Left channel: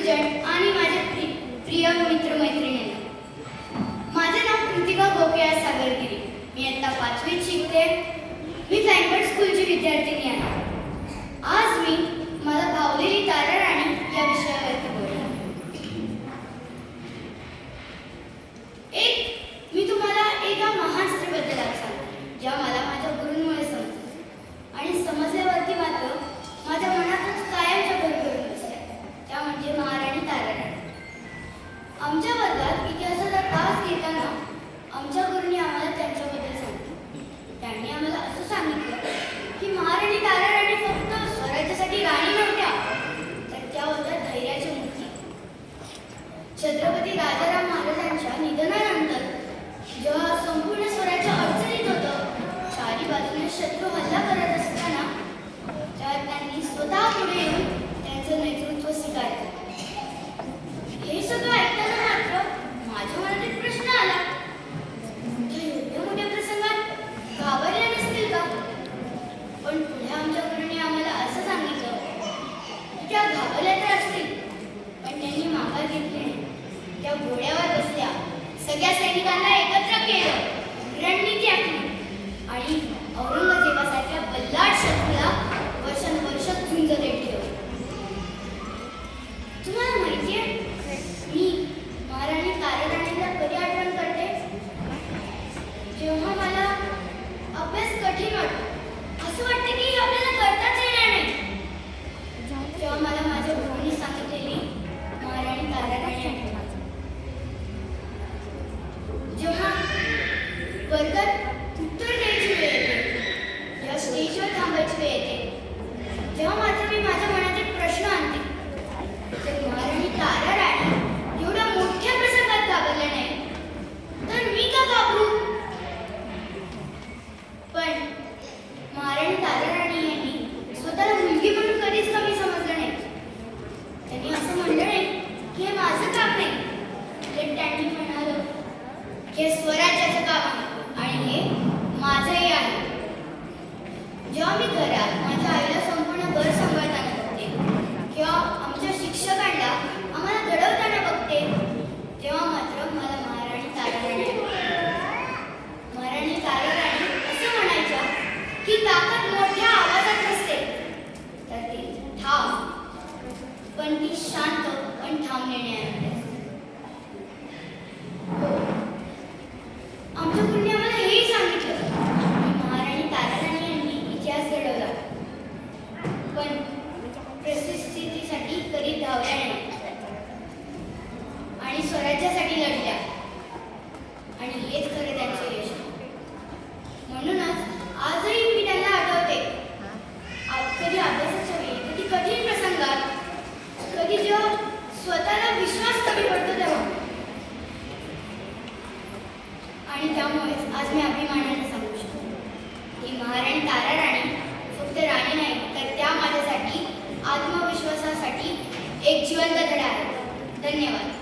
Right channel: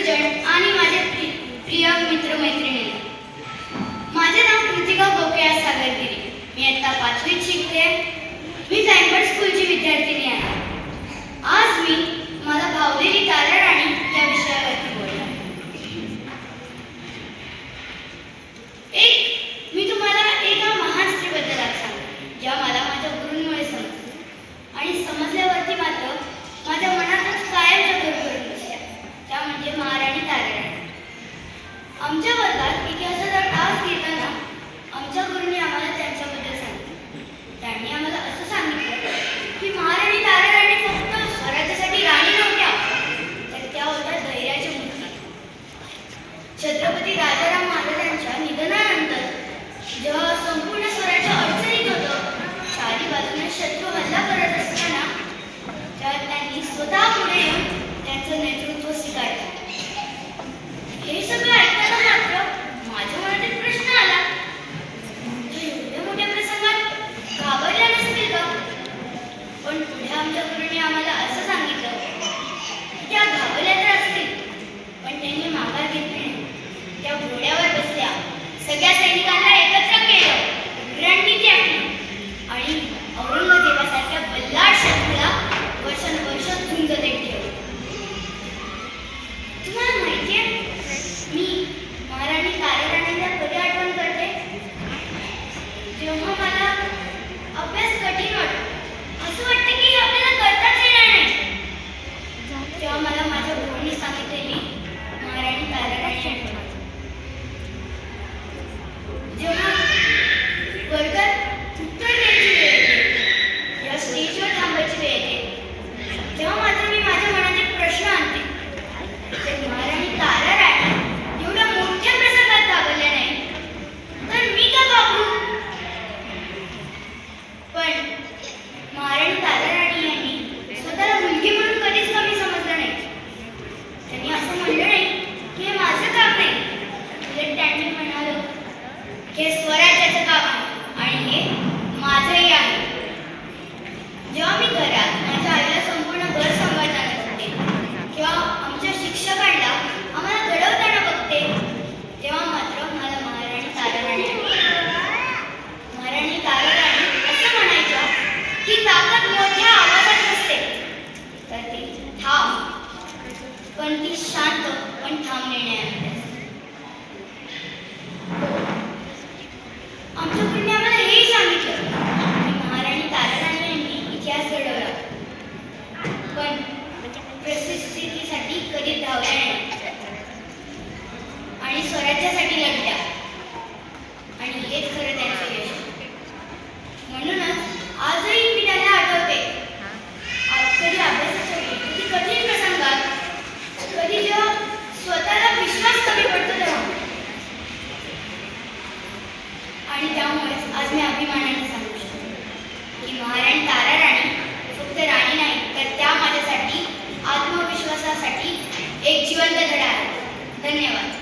गुरुजन आणि माझे प्रिय मित्रमैत्रिणी, माझे नाव कृतिका गोकया सागरगिरी. मी आता 5वीत शिकते. मी फ्लॅंकफर्ट स्कूलची विद्यार्थिनी आहे. आज मी मला भावलेली ताराराणी या विषयावरती बोलणार. मी तुम्हाला एका महान स्त्रीबद्दल आज सांगते, ज्या मला माझ्या गुरूंमुळे समजल्या आणि समजल्यावरती मात्र माझ्या मनातच कायमच्या घर करून बसल्या. त्या म्हणजे महाराणी ताराराणी. आमच्या वर्गात इतिहासाचा तास घेताना आमच्या गुरूंनी आम्हाला त्यांच्याबद्दल सांगितलं. त्यांनी आम्हाला असं सांगितलं की महाराणी ताराराणी फक्त स्वराज्यासाठी राणी नव्हत्या, तर त्या होत्या धैर्याच्या मूर्ती. छत्रपती राजाराम महाराजांच्या निधनानंतर जेव्हा संपूर्ण स्वराज्य अडचणीत होतं, चारी बाजूने शत्रू हल्ला करत असताना तेव्हा त्यांनी स्वतः पुढे येऊन त्यांचं नेतृत्व स्वीकारलं. हे सगळं ऐकताना मात्र माझ्या मनात एक प्रश्न आला, एवढ्या मोठ्या प्रसंगात घाबरल्या नसतील का? पण पुढे आमच्या गुरूंनी आम्हाला असं सांगितलं की त्या घाबरल्या तर असतील, पण त्यांनी माघार घेतली नाही. त्या घोड्यावर बसल्या, सगळ्या सैनिकांना एकत्र केलं, रणनीती आखली आणि औरंगजेबासारख्या बल्लाळ शत्रूला वर्षानुवर्ष झुंज देत ठेवलं. तुम्हाला माहितीये, मी महाराणी ताराराणीला कधी आठवण करते? जेव्हा मला अभ्यास कठीण वाटतो, असं वाटतं की हे आपल्याला करताच येणार नाही, तेव्हा मला माझ्या गुरूंनी सांगितलेली महाराणी ताराराणी आठवते. जेव्हा वर्गात उत्तर द्यायची वेळ येते, या स्टेजवर थांबायची वेळ येते, तेव्हा मात्र मी माझ्या मनात एक प्रश्न आणते, तर महाराणी ताराराणी एवढ्या मोठ्या प्रसंगात घाबरल्या नाही, तर मी का घाबरू? पण महाराणी ताराराणी यांनी स्वतःला मुलगी म्हणून कधीच कमी समजलं नाही. त्यांनी असं म्हणलं नाही की हे माझं काम नाही, उलट त्यांनी म्हणालं हे स्वराज्याचं काम आहे आणि हे माझंही आहे. जेव्हा मी घरात माझ्या आईला संपूर्ण घर सांभाळताना बघते किंवा आमच्या शिक्षकांना आम्हाला घडवताना बघते, तेव्हा मात्र मला महाराणी ताराराणी महाराणी ताराराणी असं म्हणायच्या की ताकद मोठ्या आवाजात नसते, तर ती ठाम, पण ती शांत पण ठाम निर्णयाने असते. आमच्या गुरूंनी आम्हाला हेही सांगितलं की महाराणी ताराराणी यांनी इतिहास घडवला, पण प्रसिद्धीसाठी कधी धावल्या नाही आणि स्वराज्यासाठी लढल्या, आणि हेच खरं त्यांचं यश. म्हणूनच आजही मी त्यांना आठवते. कधी अभ्यासाच्या वेळी, कधी कठीण प्रसंगात, कधी जेव्हा स्वतःला विश्वास कमी पडतो तेव्हा. आणि त्यामुळेच आज मी अभिमानाने सांगू शकतो की महाराणी ताराराणी फक्त राणी नाही, तर त्या माझ्यासाठी आत्मविश्वासासाठी एक जिवंत धडा आहे. धन्यवाद.